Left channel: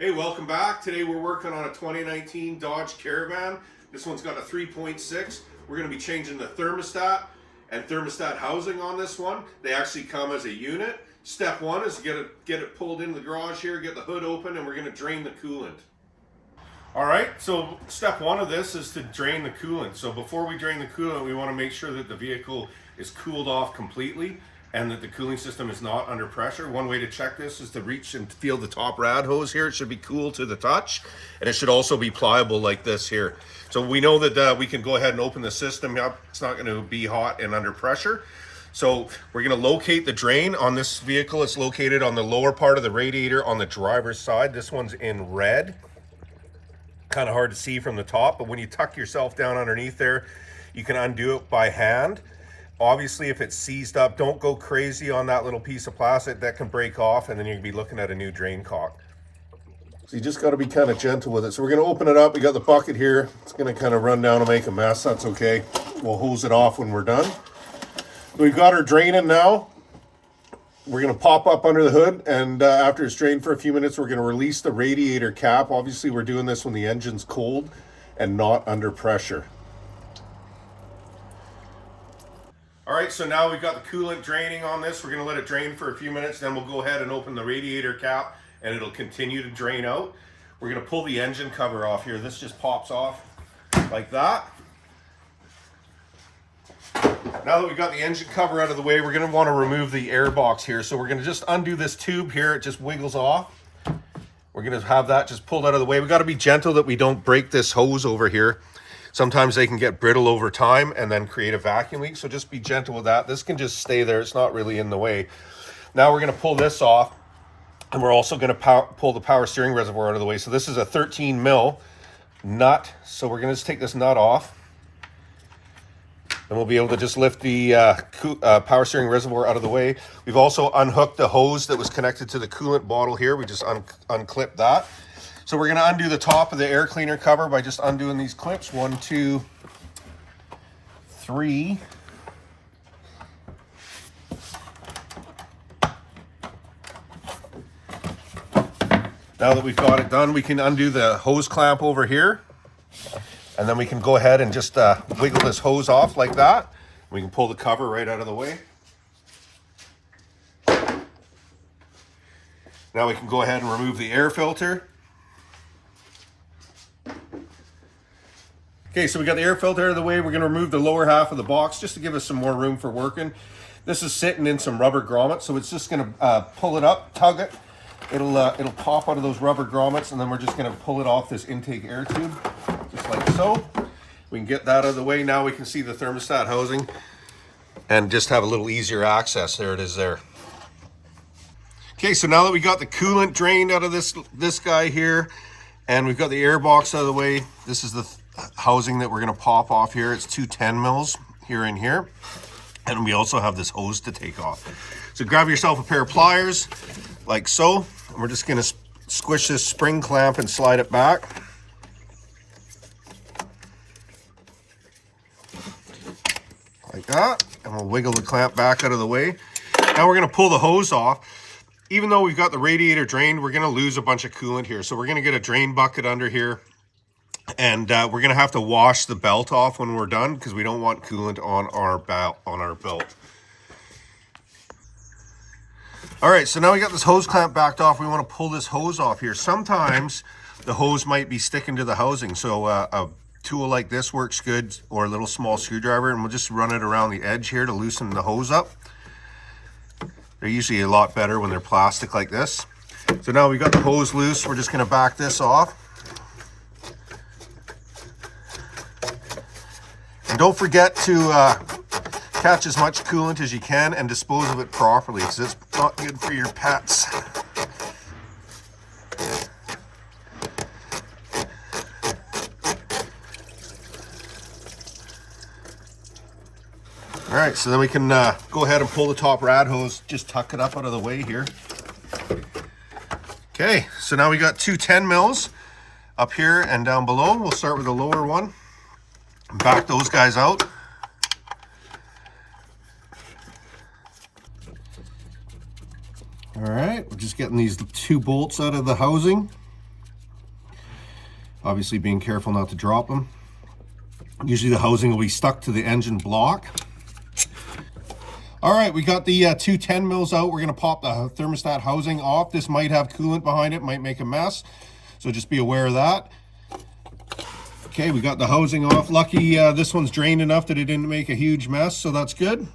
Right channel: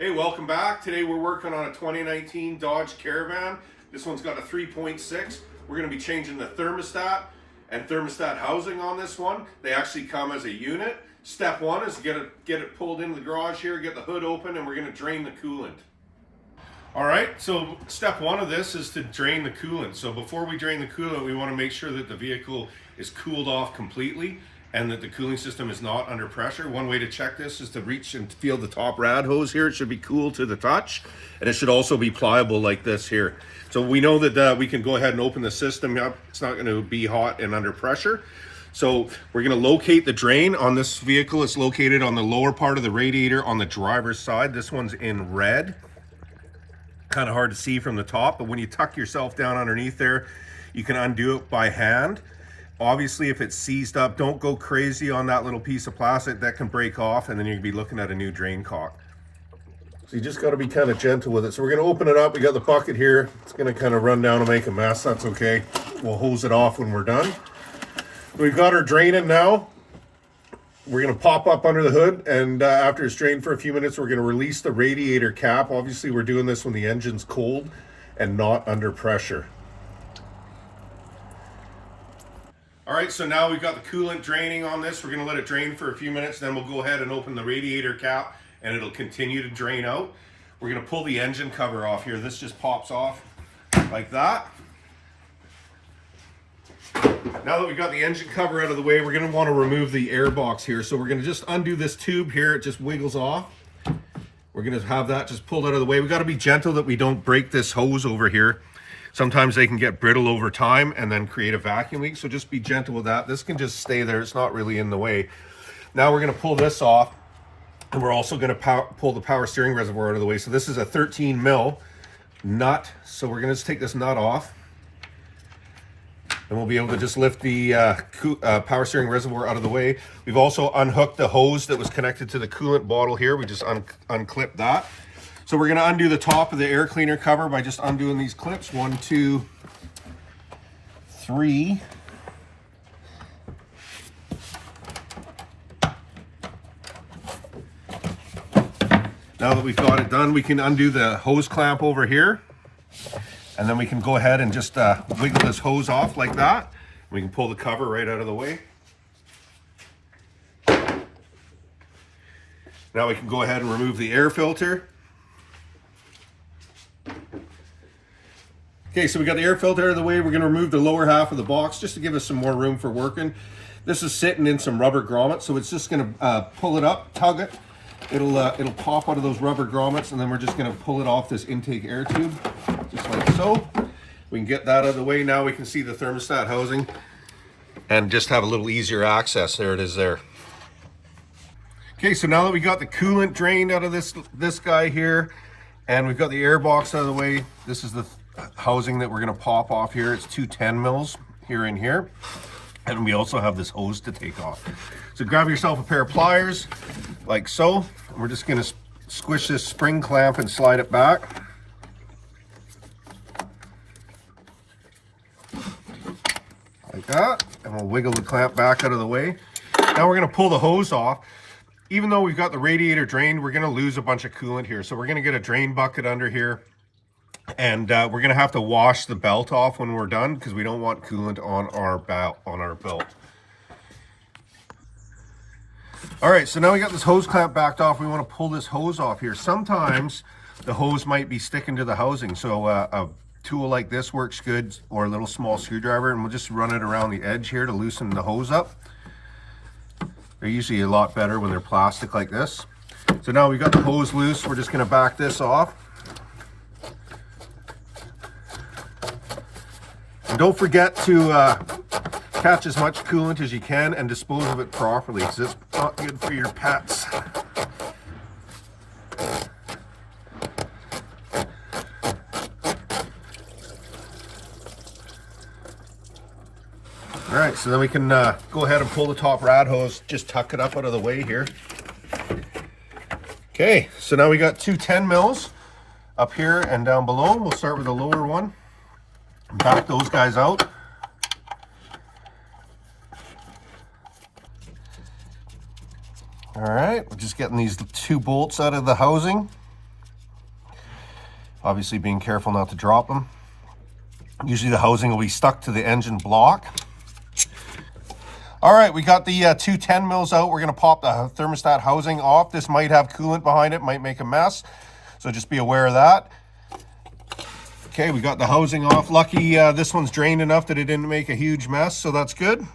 Hey, welcome back. Today we're working on a 2019 Dodge Caravan. This one's got a 3.6. We're going to be changing the thermostat and thermostat housing on this one. They actually come as a unit. Step one is get it pulled into the garage here, get the hood open, and we're going to drain the coolant. All right, so step one of this is to drain the coolant. So before we drain the coolant, we want to make sure that the vehicle is cooled off completely and that the cooling system is not under pressure. One way to check this is to reach and feel the top rad hose here. It should be cool to the touch, and it should also be pliable like this here. So we know that we can go ahead and open the system up. It's not going to be hot and under pressure. So we're going to locate the drain on this vehicle. It's located on the lower part of the radiator on the driver's side. This one's in red. Kind of hard to see from the top, but when you tuck yourself down underneath there, you can undo it by hand. Obviously, if it's seized up, don't go crazy on that little piece of plastic. That can break off, and then you'll be looking at a new drain cock. So you just got to be kind of gentle with it. So we're going to open it up. We got the bucket here. It's going to kind of run down and make a mess. That's okay. We'll hose it off when we're done. We've got our drain in now. We're going to pop up under the hood, and after it's drained for a few minutes, we're going to release the radiator cap. Obviously, we're doing this when the engine's cold and not under pressure. All right, so now we've got the coolant draining on this. We're going to let it drain for a few minutes, then we'll go ahead and open the radiator cap, and it'll continue to drain out. We're going to pull the engine cover off here. This just pops off like that. Now that we've got the engine cover out of the way, we're going to want to remove the air box here. So we're going to just undo this tube here. It just wiggles off. We're going to have that just pulled out of the way. We've got to be gentle that we don't break this hose over here. Sometimes they can get brittle over time and then create a vacuum leak. So just be gentle with that. This can just stay there. It's not really in the way. Now we're going to pull this off, and we're also going to pull the power steering reservoir out of the way. So this is a 13 mil nut. So we're going to just take this nut off. And we'll be able to just lift the power steering reservoir out of the way. We've also unhooked the hose that was connected to the coolant bottle here. We just unclipped that. So we're going to undo the top of the air cleaner cover by just undoing these clips. 1, 2, 3. Now that we've got it done, we can undo the hose clamp over here. And then we can go ahead and just wiggle this hose off like that. We can pull the cover right out of the way. Now we can go ahead and remove the air filter. Okay, so we got the air filter out of the way. We're going to remove the lower half of the box just to give us some more room for working. This is sitting in some rubber grommets, so it's just going to pull it up, tug it. It'll pop out of those rubber grommets, and then we're just going to pull it off this intake air tube, just like so. We can get that out of the way. Now we can see the thermostat housing and just have a little easier access. There it is there. Okay, so now that we got the coolant drained out of this guy here, and we've got the air box out of the way, this is the housing that we're going to pop off here. It's 2 10 mils here and here, and we also have this hose to take off. So grab yourself a pair of pliers like so. We're just going to squish this spring clamp and slide it back. Like that, and we'll wiggle the clamp back out of the way. Now we're going to pull the hose off. Even though we've got the radiator drained, we're going to lose a bunch of coolant here. So we're going to get a drain bucket under here, and we're going to have to wash the belt off when we're done because we don't want coolant on our belt. All right, so now we got this hose clamp backed off. We want to pull this hose off here. Sometimes the hose might be sticking to the housing, so a tool like this works good, or a little small screwdriver, and we'll just run it around the edge here to loosen the hose up. They're usually a lot better when they're plastic like this. So now we've got the hose loose. We're just going to back this off. And don't forget to catch as much coolant as you can and dispose of it properly, because it's not good for your pets. All right, so then we can go ahead and pull the top rad hose, just tuck it up out of the way here. Okay, so now we got 2 10 mils up here and down below. We'll start with the lower one. Back those guys out. All right, we're just getting these 2 bolts out of the housing. Obviously being careful not to drop them. Usually the housing will be stuck to the engine block. All right, we got the 2 10 mils out. We're gonna pop the thermostat housing off. This might have coolant behind it, might make a mess. So just be aware of that. Okay, we got the housing off. Lucky this one's drained enough that it didn't make a huge mess, so that's good.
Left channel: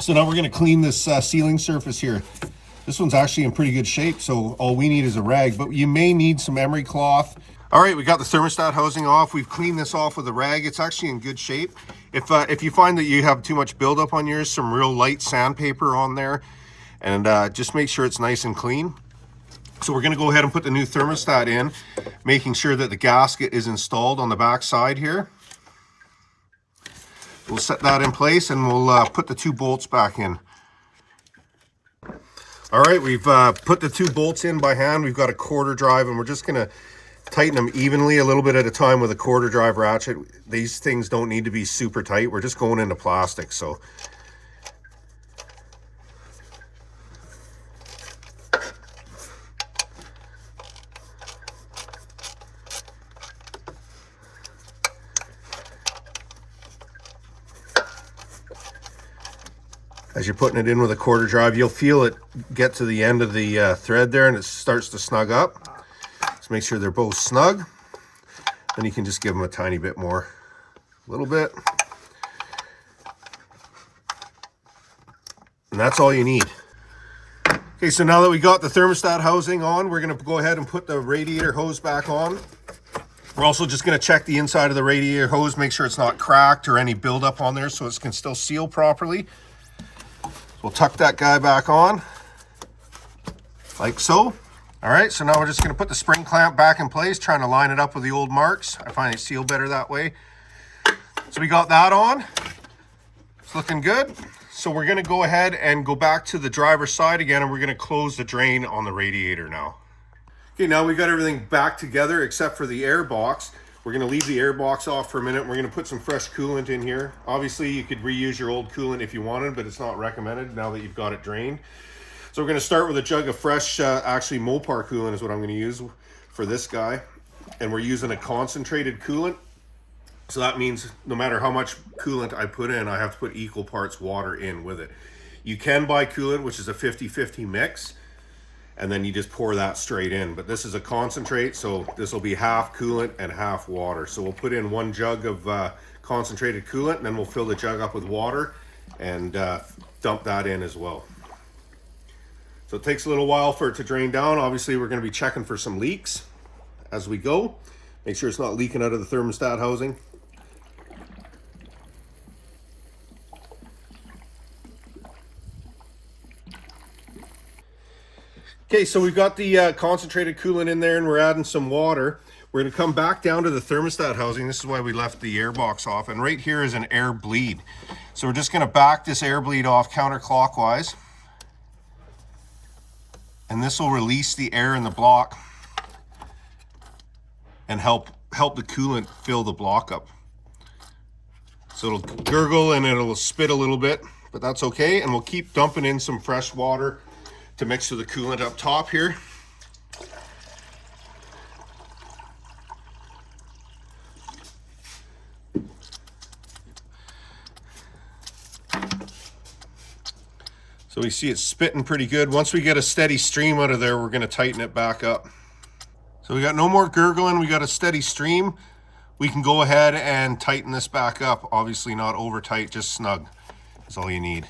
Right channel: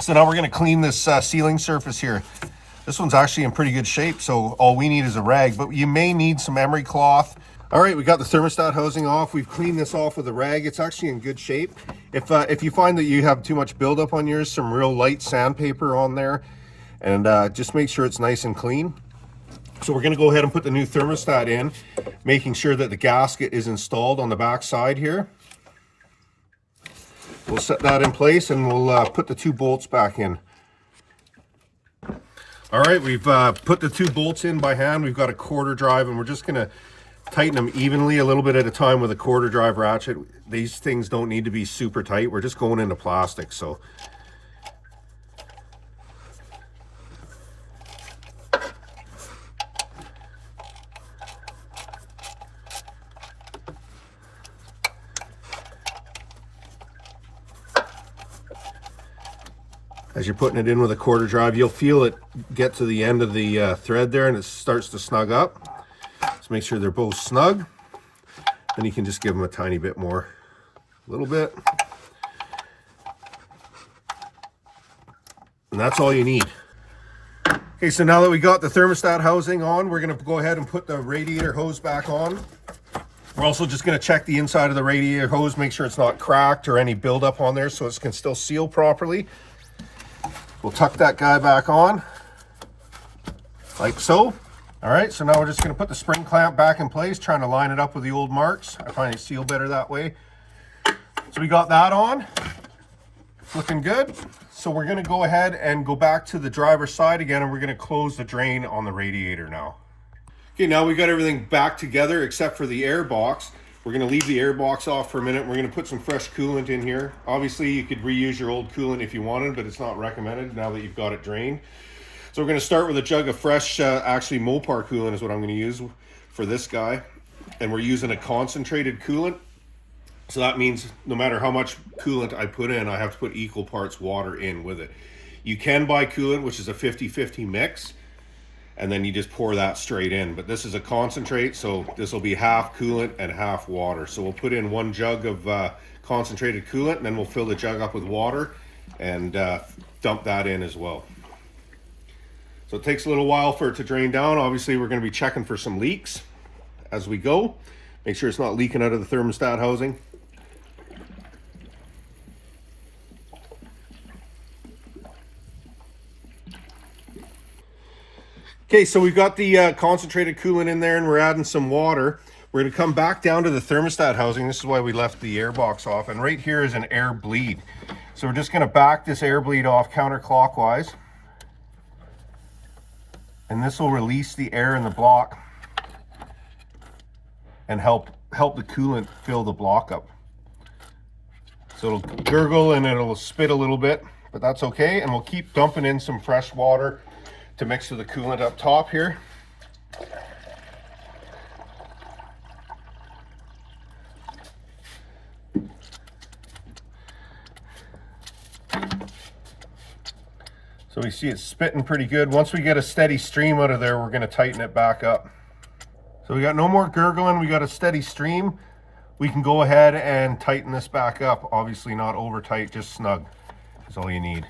So now we're gonna clean this sealing surface here. This one's actually in pretty good shape, so all we need is a rag, but you may need some emery cloth. All right, we got the thermostat housing off. We've cleaned this off with a rag. It's actually in good shape. If you find that you have too much buildup on yours, some real light sandpaper on there, and just make sure it's nice and clean. So we're gonna go ahead and put the new thermostat in, making sure that the gasket is installed on the back side here. We'll set that in place and we'll put the 2 bolts back in. All right, we've put the 2 bolts in by hand. We've got a quarter drive and we're just gonna tighten them evenly a little bit at a time with a quarter drive ratchet. These things don't need to be super tight. We're just going into plastic, so. As you're putting it in with a quarter drive, you'll feel it get to the end of the thread there and it starts to snug up. So make sure they're both snug. Then you can just give them a tiny bit more, a little bit. And that's all you need. Okay, so now that we got the thermostat housing on, we're gonna go ahead and put the radiator hose back on. We're also just gonna check the inside of the radiator hose, make sure it's not cracked or any buildup on there so it can still seal properly. We'll tuck that guy back on, like so. All right, so now we're just gonna put the spring clamp back in place, trying to line it up with the old marks. I find it seal better that way. So we got that on, it's looking good. So we're gonna go ahead and go back to the driver's side again and we're gonna close the drain on the radiator now. Okay, now we got everything back together except for the air box. We're gonna leave the air box off for a minute. We're gonna put some fresh coolant in here. Obviously you could reuse your old coolant if you wanted, but it's not recommended now that you've got it drained. So we're gonna start with a jug of fresh, actually Mopar coolant is what I'm gonna use for this guy. And we're using a concentrated coolant. So that means no matter how much coolant I put in, I have to put equal parts water in with it. You can buy coolant, which is a 50-50 mix, and then you just pour that straight in. But this is a concentrate, so this will be half coolant and half water. So we'll put in 1 jug of concentrated coolant, and then we'll fill the jug up with water and dump that in as well. So it takes a little while for it to drain down. Obviously, we're gonna be checking for some leaks as we go. Make sure it's not leaking out of the thermostat housing. Okay, so we've got the concentrated coolant in there and we're adding some water. We're gonna come back down to the thermostat housing. This is why we left the air box off. And right here is an air bleed. So we're just gonna back this air bleed off counterclockwise. And this will release the air in the block and help the coolant fill the block up. So it'll gurgle and it'll spit a little bit, but that's okay. And we'll keep dumping in some fresh water to mix with the coolant up top here. So we see it's spitting pretty good. Once we get a steady stream out of there, we're gonna tighten it back up. So we got no more gurgling, we got a steady stream. We can go ahead and tighten this back up. Obviously not over tight, just snug is all you need.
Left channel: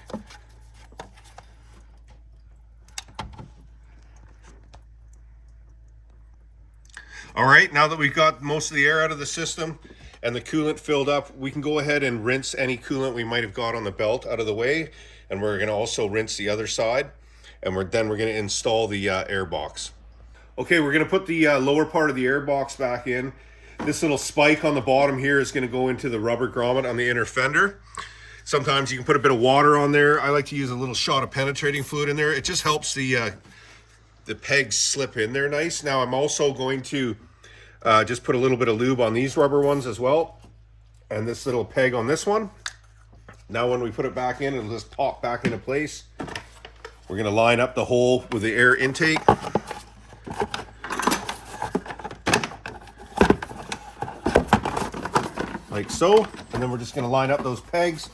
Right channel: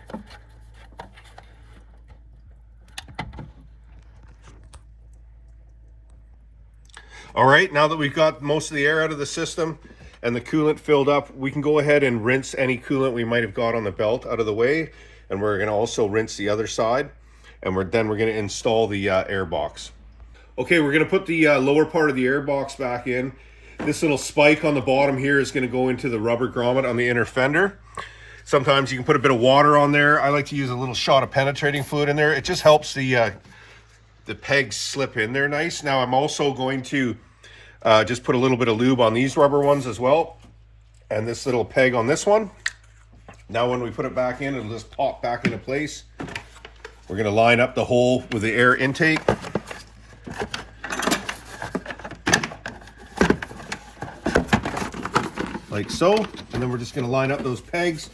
All right, now that we've got most of the air out of the system and the coolant filled up, we can go ahead and rinse any coolant we might have got on the belt out of the way. And we're gonna also rinse the other side. And then we're gonna install the air box. Okay, we're gonna put the lower part of the air box back in. This little spike on the bottom here is gonna go into the rubber grommet on the inner fender. Sometimes you can put a bit of water on there. I like to use a little shot of penetrating fluid in there. It just helps the pegs slip in there nice. Now I'm also going to just put a little bit of lube on these rubber ones as well. And this little peg on this one. Now when we put it back in, it'll just pop back into place. We're gonna line up the hole with the air intake. like so. And then we're just going to line up those pegs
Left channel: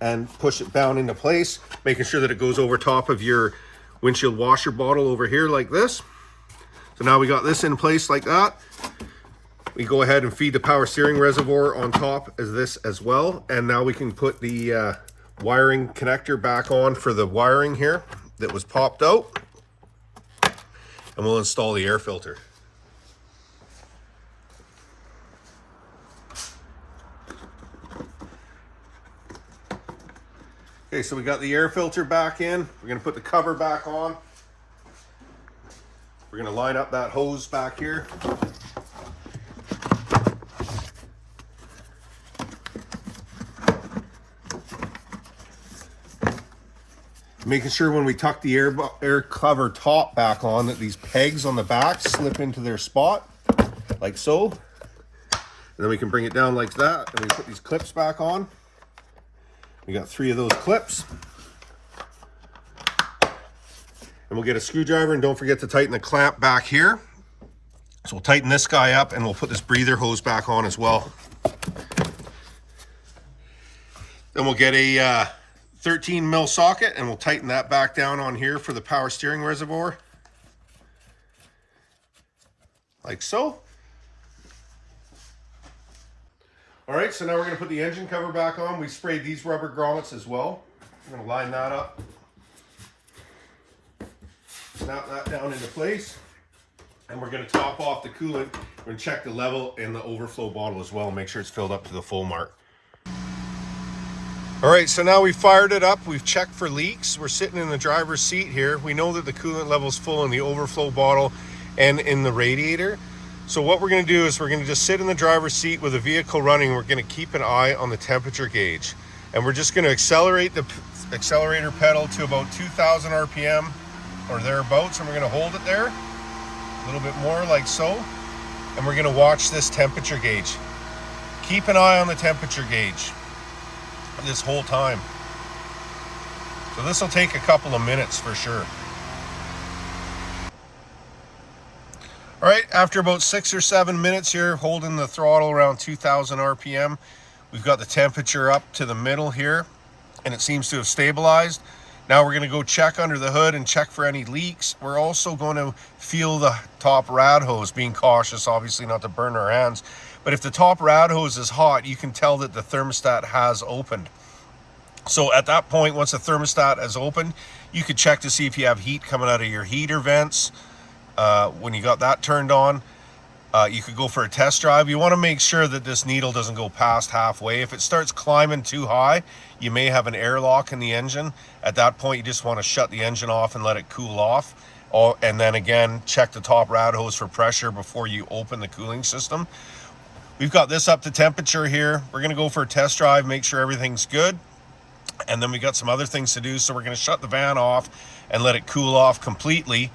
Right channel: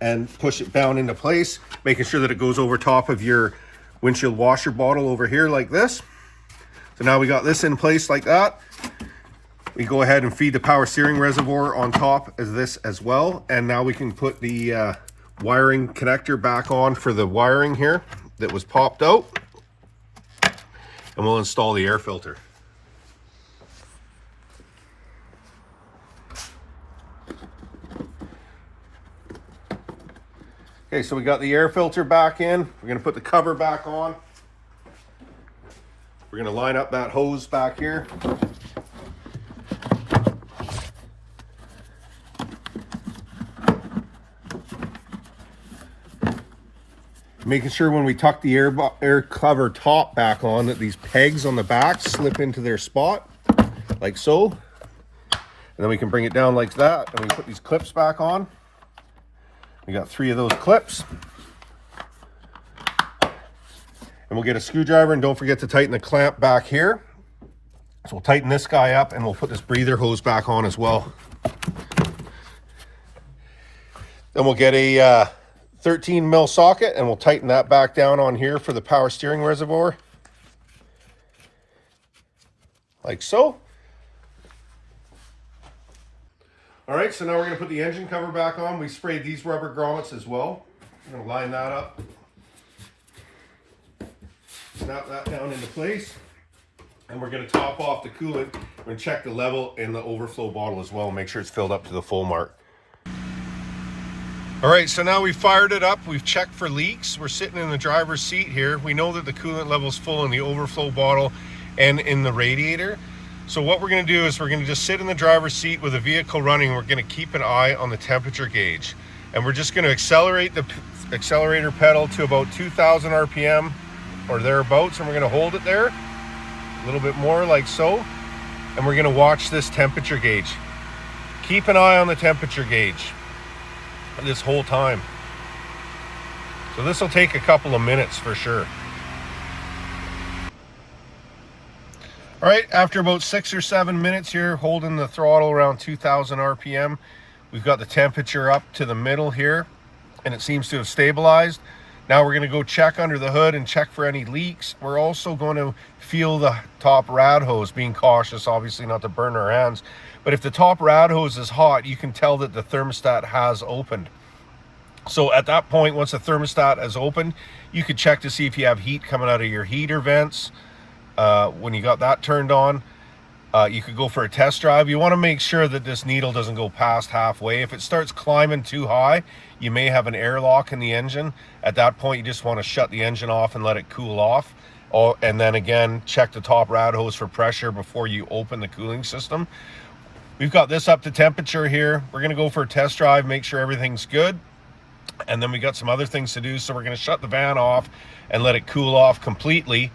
and push it down into place, making sure that it goes over top of your windshield washer bottle over here like this. So now we got this in place like that. We go ahead and feed the power steering reservoir on top of this as well. And now we can put the wiring connector back on for the wiring here that was popped out. And we'll install the air filter. Okay, so we got the air filter back in. We're gonna put the cover back on. We're gonna line up that hose back here. Making sure when we tuck the air cover top back on that these pegs on the back slip into their spot, like so. And then we can bring it down like that, and we put these clips back on. We got 3 of those clips. And we'll get a screwdriver, and don't forget to tighten the clamp back here. So we'll tighten this guy up, and we'll put this breather hose back on as well. Then we'll get a 13 mil socket, and we'll tighten that back down on here for the power steering reservoir, like so. All right, so now we're going to put the engine cover back on. We sprayed these rubber grommets as well. I'm going to line that up, snap that down into place, and we're going to top off the coolant and check the level in the overflow bottle as well, make sure it's filled up to the full mark. All right, so now we've fired it up. We've checked for leaks. We're sitting in the driver's seat here. We know that the coolant level is full in the overflow bottle and in the radiator. So what we're going to do is we're going to just sit in the driver's seat with the vehicle running. We're going to keep an eye on the temperature gauge. And we're just going to accelerate the accelerator pedal to about 2,000 RPM or thereabouts. And we're going to hold it there a little bit more like so. And we're going to watch this temperature gauge. Keep an eye on the temperature gauge this whole time. So this will take a couple of minutes for sure. All right, after about 6 or 7 minutes here, holding the throttle around 2,000 RPM, we've got the temperature up to the middle here, and it seems to have stabilized. Now we're going to go check under the hood and check for any leaks. We're also going to feel the top rad hose, being cautious, obviously not to burn our hands. But if the top rad hose is hot, you can tell that the thermostat has opened. So at that point, once the thermostat has opened, you could check to see if you have heat coming out of your heater vents. When you got that turned on, you could go for a test drive. You want to make sure that this needle doesn't go past halfway. If it starts climbing too high, you may have an airlock in the engine. At that point, you just want to shut the engine off and let it cool off. And then again, check the top rad hose for pressure before you open the cooling system. We've got this up to temperature here. We're going to go for a test drive, make sure everything's good. And then we got some other things to do. So we're going to shut the van off and let it cool off completely.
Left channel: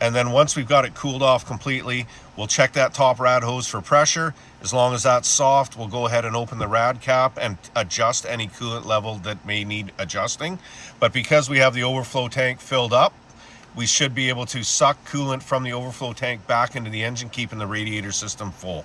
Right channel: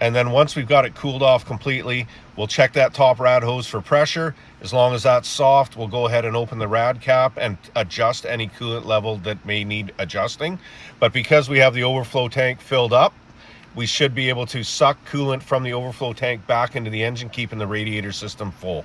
And then once we've got it cooled off completely, we'll check that top rad hose for pressure. As long as that's soft, we'll go ahead and open the rad cap and adjust any coolant level that may need adjusting. But because we have the overflow tank filled up, we should be able to suck coolant from the overflow tank back into the engine, keeping the radiator system full.